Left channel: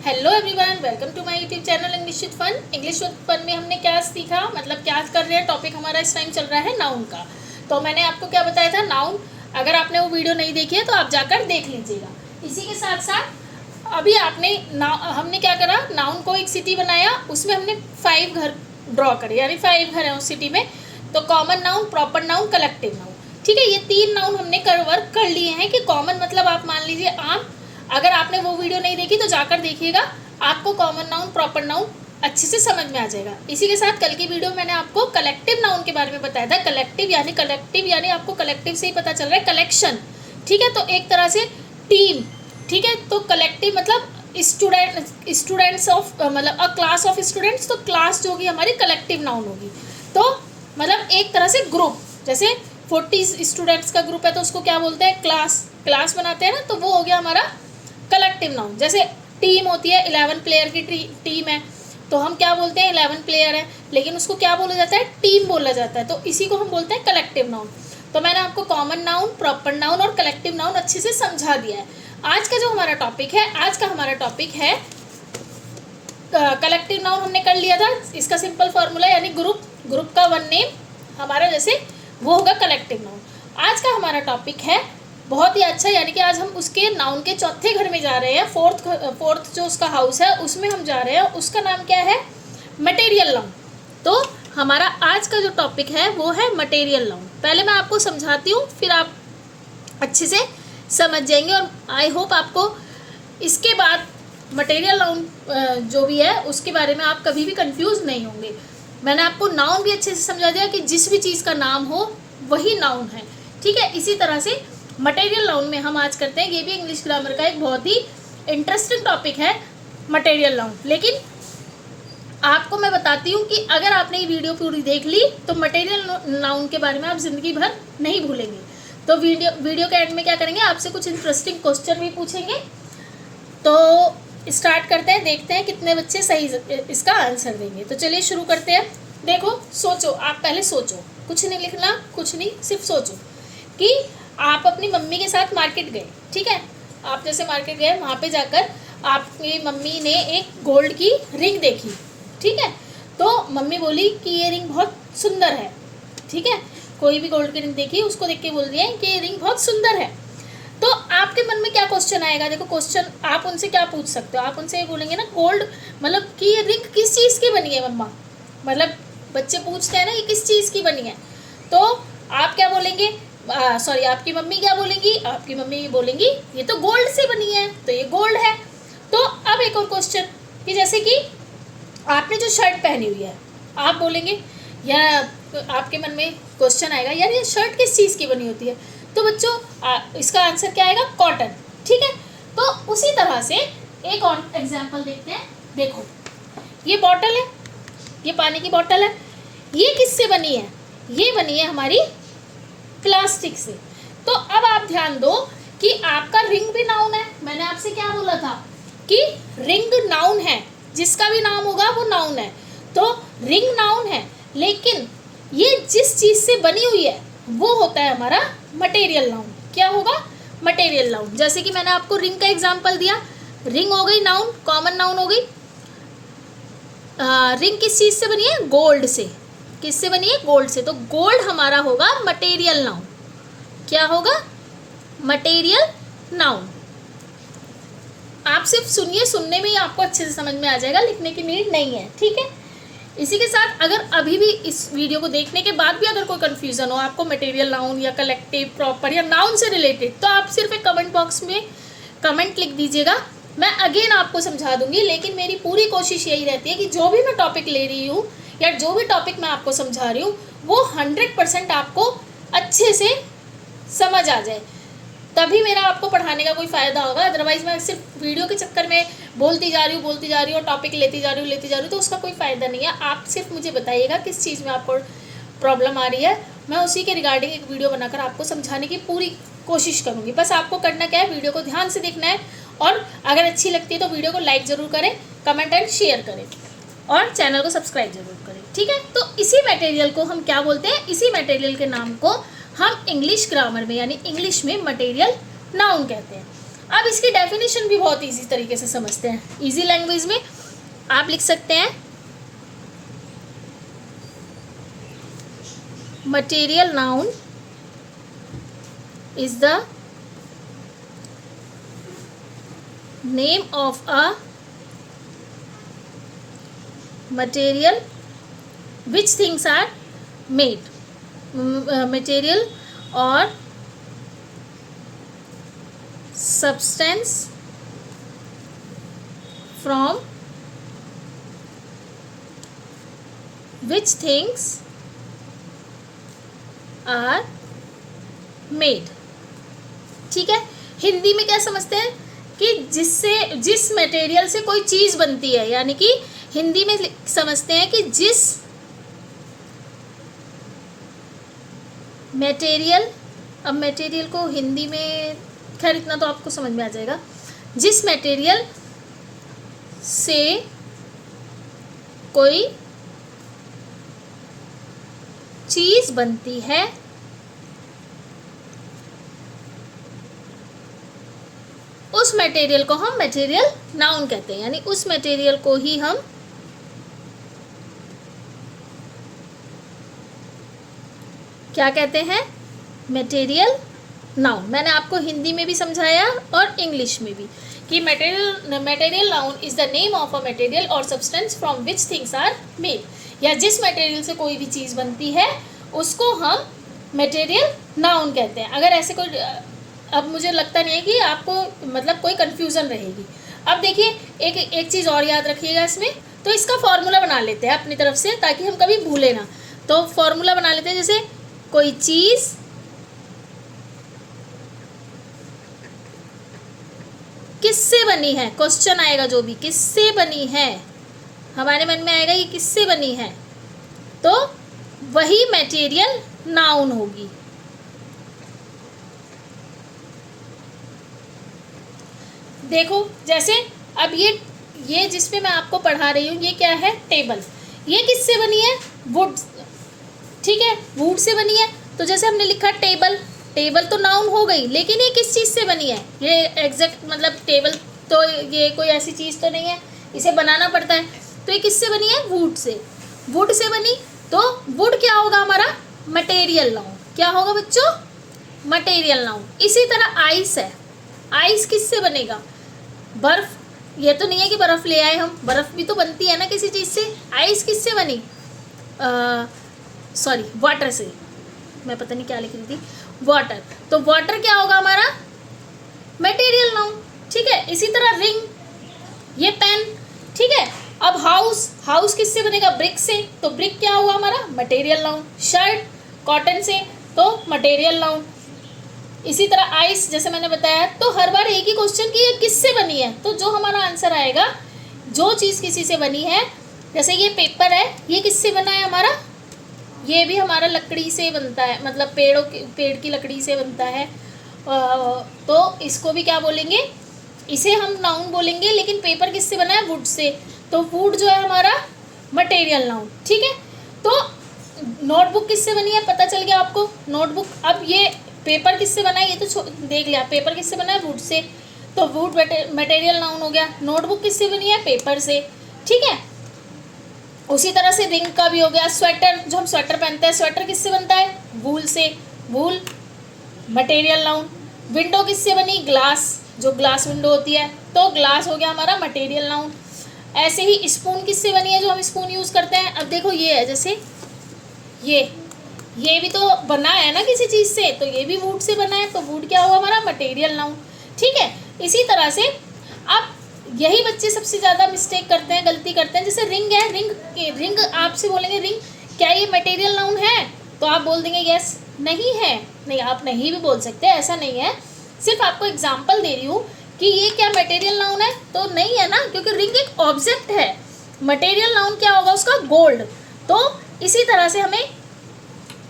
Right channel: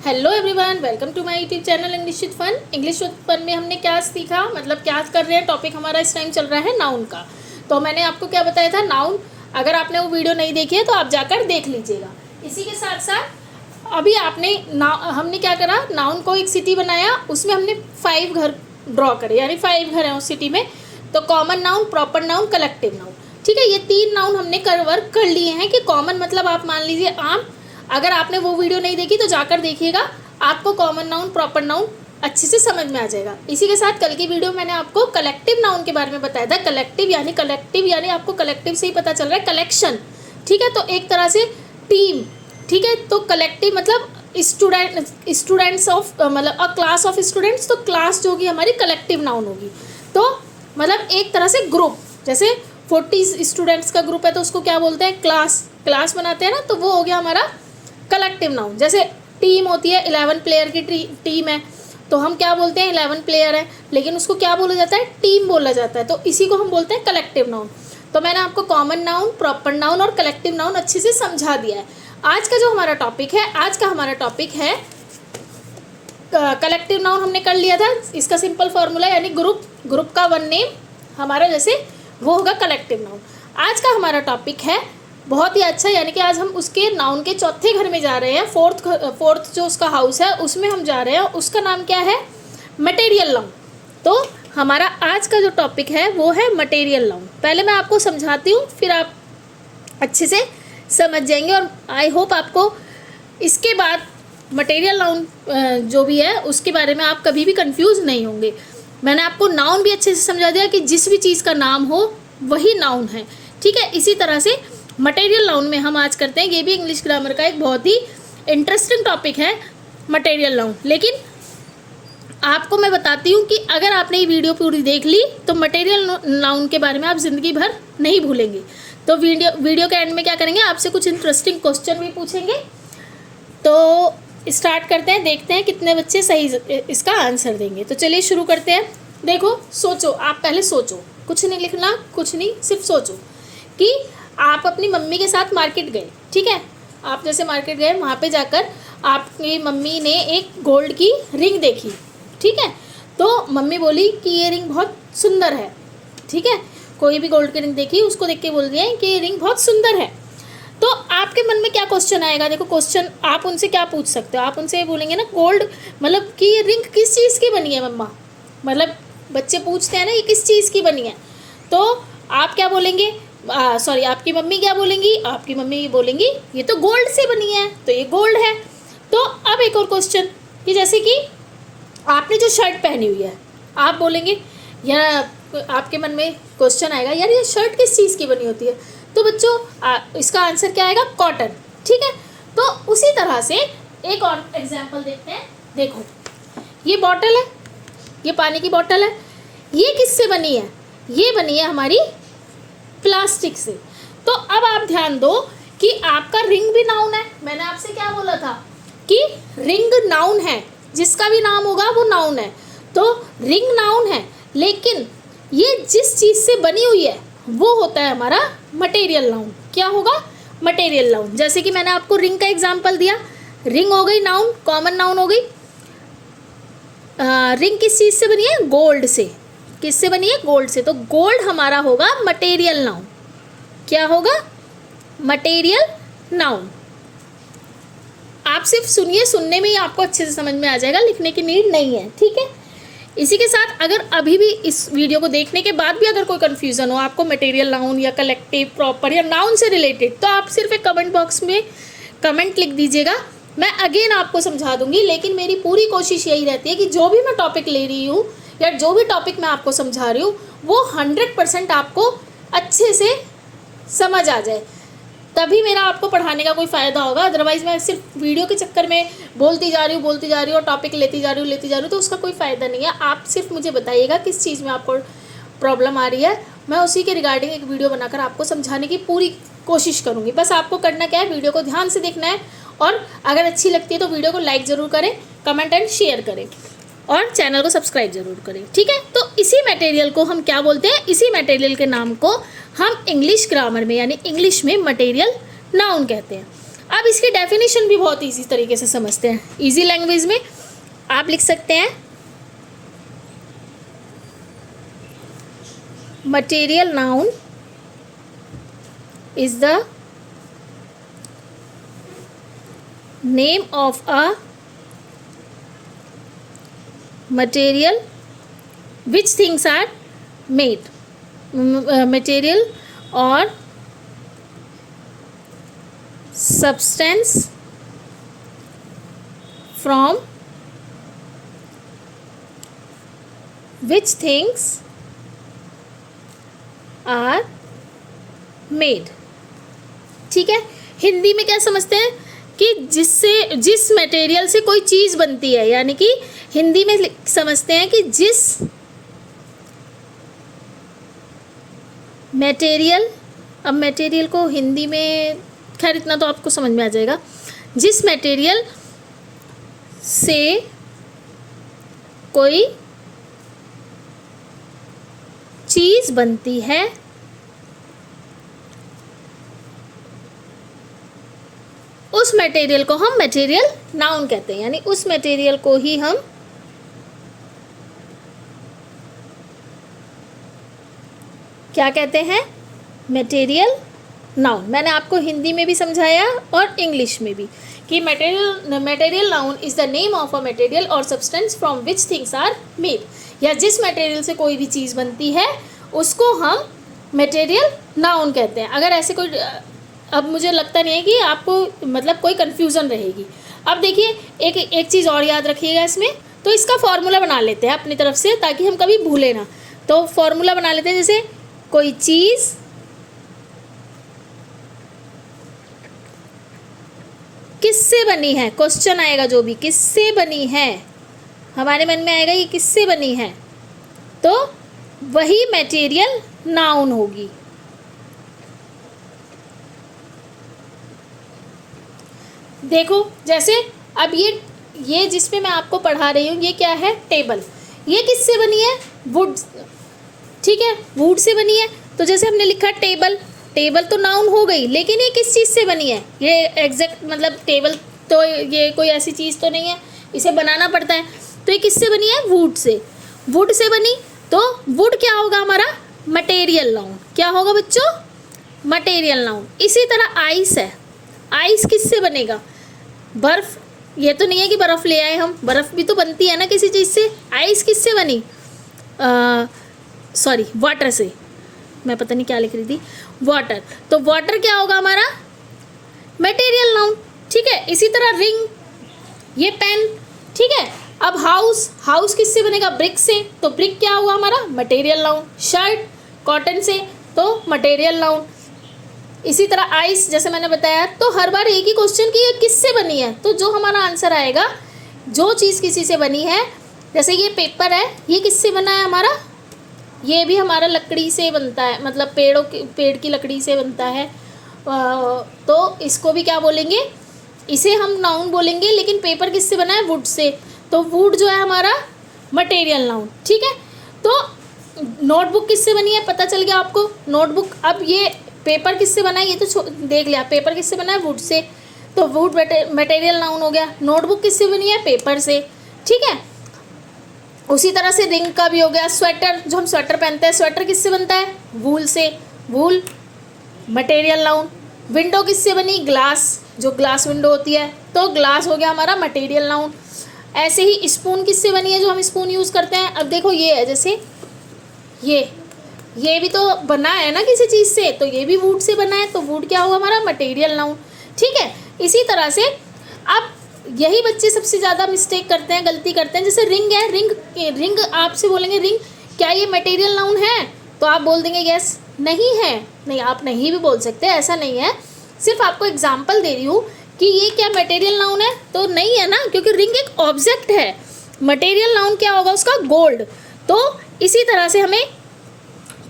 Hello everyone, welcome to my YouTube channel English with fun. English with fun में हमने क्या सीखा, मतलब क्या कर रहे हैं, टॉपिक हमारा इस टाइम चल रहा है नाउन का। तो मैंने आपको क्या बताया था, नाउन। अगर आपने वो वीडियो नहीं देखी है तो आप जाकर देख लीजिएगा। इसी के साथ साथ अभी हमने क्या करा, नाउन को एक सिटी बनाया, उसमें हमने 5 घर ड्रॉ करे, यानी 5 घर हैं उस सिटी में। तो common noun, proper noun, collective noun. ठीक है, ये 3 नाउन हमने कवर कर लिए हैं। कि कॉमन मतलब आप मान लीजिए आम। अगर आपने वो वीडियो नहीं देखी तो जाकर देखिएगा, आपको कॉमन नाउन, प्रॉपर नाउन अच्छे से समझ में आ जाएगा। इसी के साथ कल की वीडियो मैंने आपको कलेक्टिव नाउन के बारे में बताया था। कलेक्टिव यानी आपको कलेक्टिव से ही पता चल रहा है कलेक्शन। ठीक है, तो एक तरह से टीम। ठीक है, तो कलेक्टिव मतलब स्टूडेंट्स ऑफ, मतलब अ क्लास ऑफ स्टूडेंट्स। तो क्लास जो होगी हमारी कलेक्टिव नाउन होगी। तो मतलब एक तरह से ग्रुप, जैसे 40 स्टूडेंट्स का ग्रुप है तो उसको क्या बोलते हैं, क्लास बनाते हैं ना, तो वो हो गया हमारा कलेक्टिव नाउन। जैसे टीम होती है, 11 प्लेयर की टीम है, तो हम क्या बोलते हैं, 11 प्लेयर है, लेकिन उसको क्या बोला जाता है, टीम बोला जाता है। तो इसी को हम बोलते हैं कलेक्टिव नाउन। तो मैंने आपको कॉमन नाउन, प्रॉपर नाउन और कलेक्टिव नाउन अच्छे से समझा दिया है। आज का जो हमारा टॉपिक है कलेक्टिव नाउन हमने कर लिया था। इसका सिंपल फॉर्मूला यानी ग्रुप का वन नेम हमारा जैसे वो होगा कलेक्टिव नाउन। आज का हमारा टॉपिक है बहुत ही अच्छा, यानी कि आज हम उसके नाउन के चौथे घर में जा रहे हैं। फोर्थ जो उसका हाउस है उसमें हम जा रहे हैं। उसका नाम क्या है, मटेरियल नाउन। तो हमारा आज का जो टॉपिक है वो है मटेरियल नाउन। पहले मैं आपको समझाती हूँ, फिर आप अच्छे से समझ जाएंगे और आई होप आपको इसके बाद मटेरियल नाउन जो भी है उसके बारे में आप कभी भी कंफ्यूज नहीं होंगे। मैंने आपको नाउन भी अच्छे से समझा दिया कि जिस भी चीज़ का नाम हो वही नाउन है। ठीक है, इसी तरह से मटेरियल नाउन में हम आज करते हैं, ये भी इंग्लिश ग्रामर का एक बहुत ही इंटरेस्टिंग टॉपिक है मटेरियल नाउन। लेकिन आपको मैं बताती हूँ कि अगर आपने ये वीडियो पूरी देख ली तो मटेरियल नाउन के बारे में आप ज़िंदगी भर नहीं भूलेंगे। तो वीडियो के एंड में क्या करेंगे, आपसे कुछ इंटरेस्टिंग क्वेश्चन भी पूछेंगे। तो स्टार्ट करते हैं, देखते हैं कितने बच्चे सही इसका आंसर देंगे। तो चलिए शुरू करते हैं। देखो, सोचो, आप पहले सोचो, कुछ नहीं लिखना, कुछ नहीं, सिर्फ सोचो कि आप अपनी मम्मी के साथ मार्केट गए। ठीक है, आप जैसे मार्केट गए, वहाँ पे जाकर आपकी मम्मी ने एक गोल्ड की रिंग देखी। ठीक है, तो मम्मी बोली कि ये रिंग बहुत सुंदर है। ठीक है, कोई भी गोल्ड की रिंग देखी, उसको देख के बोल दिया कि ये रिंग बहुत सुंदर है। तो आपके मन में क्या क्वेश्चन आएगा, देखो क्वेश्चन आप उनसे क्या पूछ सकते हो। आप उनसे ये बोलेंगे ना, गोल्ड मतलब कि ये रिंग किस चीज़ की बनी है मम्मा, मतलब बच्चे पूछते हैं ना ये किस चीज़ की बनी है। तो आप क्या बोलेंगे, सॉरी आपकी मम्मी क्या बोलेंगी, आपकी मम्मी बोलेंगी ये तो गोल्ड से बनी है, तो ये गोल्ड है। तो अब एक और क्वेश्चन कि जैसे कि आपने जो शर्ट पहनी हुई है, आप बोलेंगे, या आपके मन में क्वेश्चन आएगा, यार ये शर्ट किस चीज़ की बनी होती है। तो बच्चों इसका आंसर क्या आएगा, कॉटन। ठीक है, तो उसी तरह से एक और एग्जाम्पल देखते हैं। देखो, ये बॉटल है, ये पानी की बॉटल है, ये किससे बनी है, ये बनी है हमारी प्लास्टिक से। तो अब आप ध्यान दो कि आपका रिंग भी नाउन है। मैंने आपसे क्या बोला था कि रिंग नाउन है, जिसका भी नाम होगा वो नाउन है। तो रिंग नाउन है, लेकिन ये जिस चीज़ से बनी हुई है वो होता है हमारा मटेरियल नाउन। क्या होगा, मटेरियल नाउन। जैसे कि मैंने आपको रिंग का एग्जांपल दिया, रिंग हो गई नाउन, कॉमन नाउन हो गई। रिंग किस चीज़ से बनी है, गोल्ड से। किससे बनी है, गोल्ड से। तो गोल्ड हमारा होगा मटेरियल नाउन। क्या होगा, मटेरियल नाउन। आप सिर्फ सुनिए, सुनने में ही आपको अच्छे से समझ में आ जाएगा, लिखने की नीड नहीं है। ठीक है, इसी के साथ अगर अभी भी इस वीडियो को देखने के बाद भी अगर कोई कन्फ्यूज़न हो आपको मटेरियल नाउन या कलेक्टिव, प्रॉपर या नाउन से रिलेटेड, तो आप सिर्फ एक कमेंट बॉक्स में कमेंट लिख दीजिएगा, मैं अगेन आपको समझा दूंगी। लेकिन मेरी पूरी कोशिश यही रहती है कि जो भी मैं टॉपिक ले रही हूँ या जो भी टॉपिक मैं आपको समझा रही हूँ वो 100% आपको अच्छे से समझ आ जाए, तभी मेरा आपको पढ़ाने का कोई फ़ायदा होगा। अदरवाइज़ मैं सिर्फ वीडियो के चक्कर में बोलती जा रही हूँ और टॉपिक लेती जा रही हूँ, तो उसका कोई फ़ायदा नहीं है। आप सिर्फ मुझे बताइएगा किस चीज़ में आपको प्रॉब्लम आ रही है, मैं उसी के रिगार्डिंग एक वीडियो बनाकर आपको समझाने की पूरी कोशिश करूँगी। बस आपको करना क्या है, वीडियो को ध्यान से देखना है, और अगर अच्छी लगती है तो वीडियो को लाइक ज़रूर करें, कमेंट एंड शेयर करें, और चैनल को सब्सक्राइब जरूर करें। ठीक है, तो इसी मटेरियल को हम क्या बोलते हैं, इसी मटेरियल के नाम को हम इंग्लिश ग्रामर में यानी इंग्लिश में मटेरियल नाउन कहते हैं। अब इसकी डेफिनेशन भी बहुत इजी तरीके से समझते हैं। इजी लैंग्वेज में आप लिख सकते हैं material noun is the name of a material which things are made, material और substance from which things are made। ठीक है, हिंदी में क्या समझते हैं कि जिस मटेरियल से कोई चीज़ बनती है, यानी कि हिंदी में समझते हैं कि जिस मटेरियल, अब मटेरियल को हिंदी में खैर इतना तो आपको समझ में आ जाएगा, जिस मटेरियल से कोई चीज़ बनती है उस मटेरियल को हम मटेरियल नाउन कहते हैं, यानी उस मटेरियल को ही हम क्या कहते हैं, मटेरियल नाउन। मैंने आपको हिंदी में भी समझाया और इंग्लिश में भी कि material noun is the name of a material or substance from which things are made, या जिस मटेरियल से कोई भी चीज़ बनती है उसको हम मटेरियल नाउन कहते हैं। अगर ऐसे कोई, अब मुझे लगता नहीं है कि आपको मतलब कोई कन्फ्यूज़न रहेगी। अब देखिए एक चीज़ और याद रखिएगा इसमें, तो इसका फॉर्मूला बना लेते हैं अपनी तरफ से ताकि हम कभी भूलें ना। तो फॉर्मूला बना लेते हैं, जैसे कोई चीज़ किससे बनी है, क्वेश्चन आएगा जो भी किससे बनी है, हमारे मन में आएगा ये किससे बनी है, तो वही मटेरियल नाउन होगी। देखो जैसे अब ये जिस पे मैं आपको पढ़ा रही हूँ ये क्या है, टेबल। ये किससे बनी है, वुड। ठीक है, वुड से बनी है। तो जैसे हमने लिखा टेबल, टेबल तो नाउन हो गई, लेकिन ये किस चीज़ से बनी है, ये एग्जैक्ट मतलब टेबल तो ये कोई ऐसी चीज़ तो नहीं है, इसे बनाना पड़ता है। तो ये किससे बनी है, वुड से। वुड से बनी तो वुड क्या होगा हमारा, मटेरियल नाउन। क्या होगा बच्चों, मटेरियल नाउन। इसी तरह आइस है, आइस किससे बनेगा, बर्फ़। ये तो नहीं है कि बर्फ़ ले आए हम, बर्फ़ भी तो बनती है ना किसी चीज़ से। आइस किससे बनी, सॉरी वाटर से, मैं पता नहीं क्या लिख रही थी, वाटर। तो वाटर क्या होगा हमारा, मटेरियल नाउन। ठीक है, इसी तरह रिंग, ये पेन। ठीक है, अब हाउस, हाउस किससे बनेगा, ब्रिक से। तो ब्रिक क्या हुआ हमारा, मटेरियल नाउन। शर्ट कॉटन से, तो मटेरियल नाउन। इसी तरह आइस, जैसे मैंने बताया। तो हर बार एक ही क्वेश्चन की ये किससे बनी है, तो जो हमारा आंसर आएगा, जो चीज़ किसी से बनी है, जैसे ये पेपर है, ये किससे बना है हमारा, ये भी हमारा लकड़ी से बनता है, मतलब पेड़ की लकड़ी से बनता है। तो इसको भी क्या बोलेंगे, इसे हम नाउन बोलेंगे। लेकिन पेपर किससे बना है, वुड से। तो वुड जो है हमारा मटेरियल नाउन। ठीक है, तो नोटबुक किससे बनी है, पता चल गया आपको, नोटबुक। अब ये पेपर किससे बना है, ये तो देख लिया, पेपर किससे बना है, वुड से। तो वुड मटेरियल नाउन हो गया। नोटबुक किससे बनी है, पेपर से। ठीक है, उसी तरह से रिंग का भी हो गया। स्वेटर, जो हम स्वेटर पहनते हैं, स्वेटर किससे बनता है, वूल से। वूल मटेरियल नाउन। विंडो किससे बनी, ग्लास, जो ग्लास विंडो होती है, तो ग्लास हो गया हमारा मटेरियल नाउन। ऐसे ही स्पून किससे बनी है, जो हम स्पून यूज़ करते हैं। अब देखो ये है, जैसे ये भी तो बना है ना किसी चीज़ से, तो ये भी वुड से बना है, तो वुड क्या हुआ हमारा, मटेरियल नाउन। ठीक है, इसी तरह से अब यही बच्चे सबसे ज़्यादा मिस्टेक करते हैं, गलती करते हैं। जैसे रिंग है, रिंग आपसे बोलेंगे रिंग क्या ये मटेरियल नाउन है, तो आप बोल देंगे यस। नहीं है, नहीं, आप नहीं भी बोल सकते, ऐसा नहीं है। सिर्फ आपको एग्जांपल दे रही हूँ कि ये क्या मटेरियल नाउन है, तो नहीं है ना, क्योंकि रिंग एक ऑब्जेक्ट है। मटेरियल नाउन क्या होगा उसका, गोल्ड। तो इसी तरह से हमें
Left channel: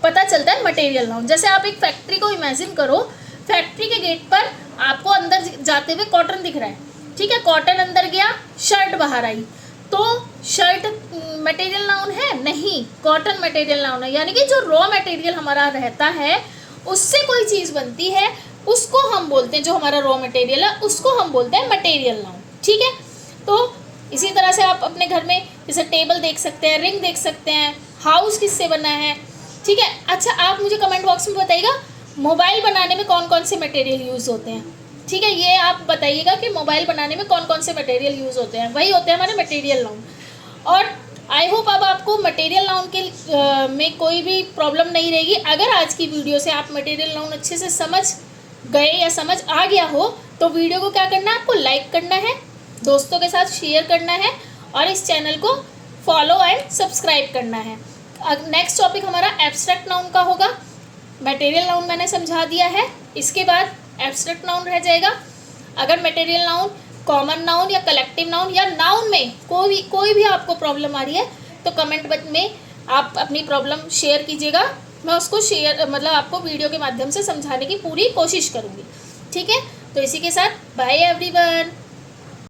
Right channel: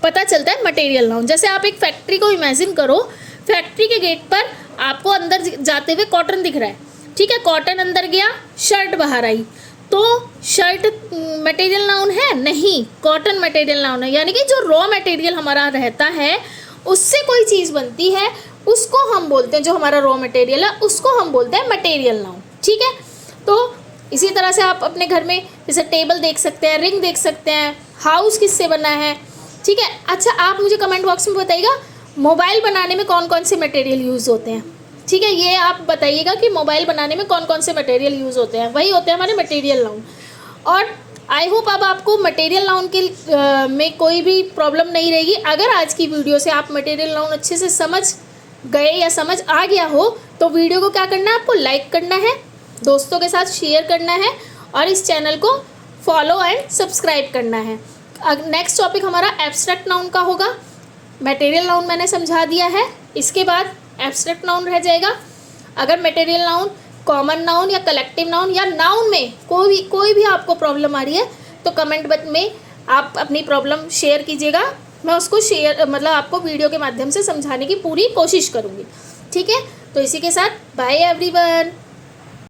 पता चलता है मटेरियल नाउन। जैसे आप एक फैक्ट्री को इमेजिन करो, फैक्ट्री के गेट पर आपको अंदर जाते हुए कॉटन दिख रहा है। ठीक है, कॉटन अंदर गया, शर्ट बाहर आई, तो शर्ट मटेरियल नाउन है, नहीं, कॉटन मटेरियल नाउन है। यानी कि जो रॉ मटेरियल हमारा रहता है उससे कोई चीज़ बनती है, उसको हम बोलते हैं, जो हमारा रॉ मटेरियल है उसको हम बोलते हैं मटेरियल नाउन। ठीक है, तो इसी तरह से आप अपने घर में जैसे टेबल देख सकते हैं, रिंग देख सकते हैं, हाउस किससे बना है। ठीक है, अच्छा आप मुझे कमेंट बॉक्स में बताइएगा मोबाइल बनाने में कौन कौन से मटेरियल यूज़ होते हैं। ठीक है, ये आप बताइएगा कि मोबाइल बनाने में कौन कौन से मटेरियल यूज़ होते हैं, वही होते हैं हमारे मटेरियल नाउन। और आई होप अब आपको मटेरियल नाउन के में कोई भी प्रॉब्लम नहीं रहेगी। अगर आज की वीडियो से आप मटेरियल नाउन अच्छे से समझ गए या समझ आ गया हो तो वीडियो को क्या करना है, आपको लाइक करना है, दोस्तों के साथ शेयर करना है और इस चैनल को फॉलो एंड सब्सक्राइब करना है। नेक्स्ट टॉपिक हमारा एब्स्ट्रैक्ट नाउन का होगा। मटेरियल नाउन मैंने समझा दिया है, इसके बाद एब्स्ट्रैक्ट नाउन रह जाएगा। अगर मटेरियल नाउन, कॉमन नाउन या कलेक्टिव नाउन या नाउन में कोई भी आपको प्रॉब्लम आ रही है तो कमेंट में आप अपनी प्रॉब्लम शेयर कीजिएगा, मैं उसको आपको वीडियो के माध्यम से समझाने की पूरी कोशिश करूँगी। ठीक है, तो इसी के साथ बाय एवरीवन।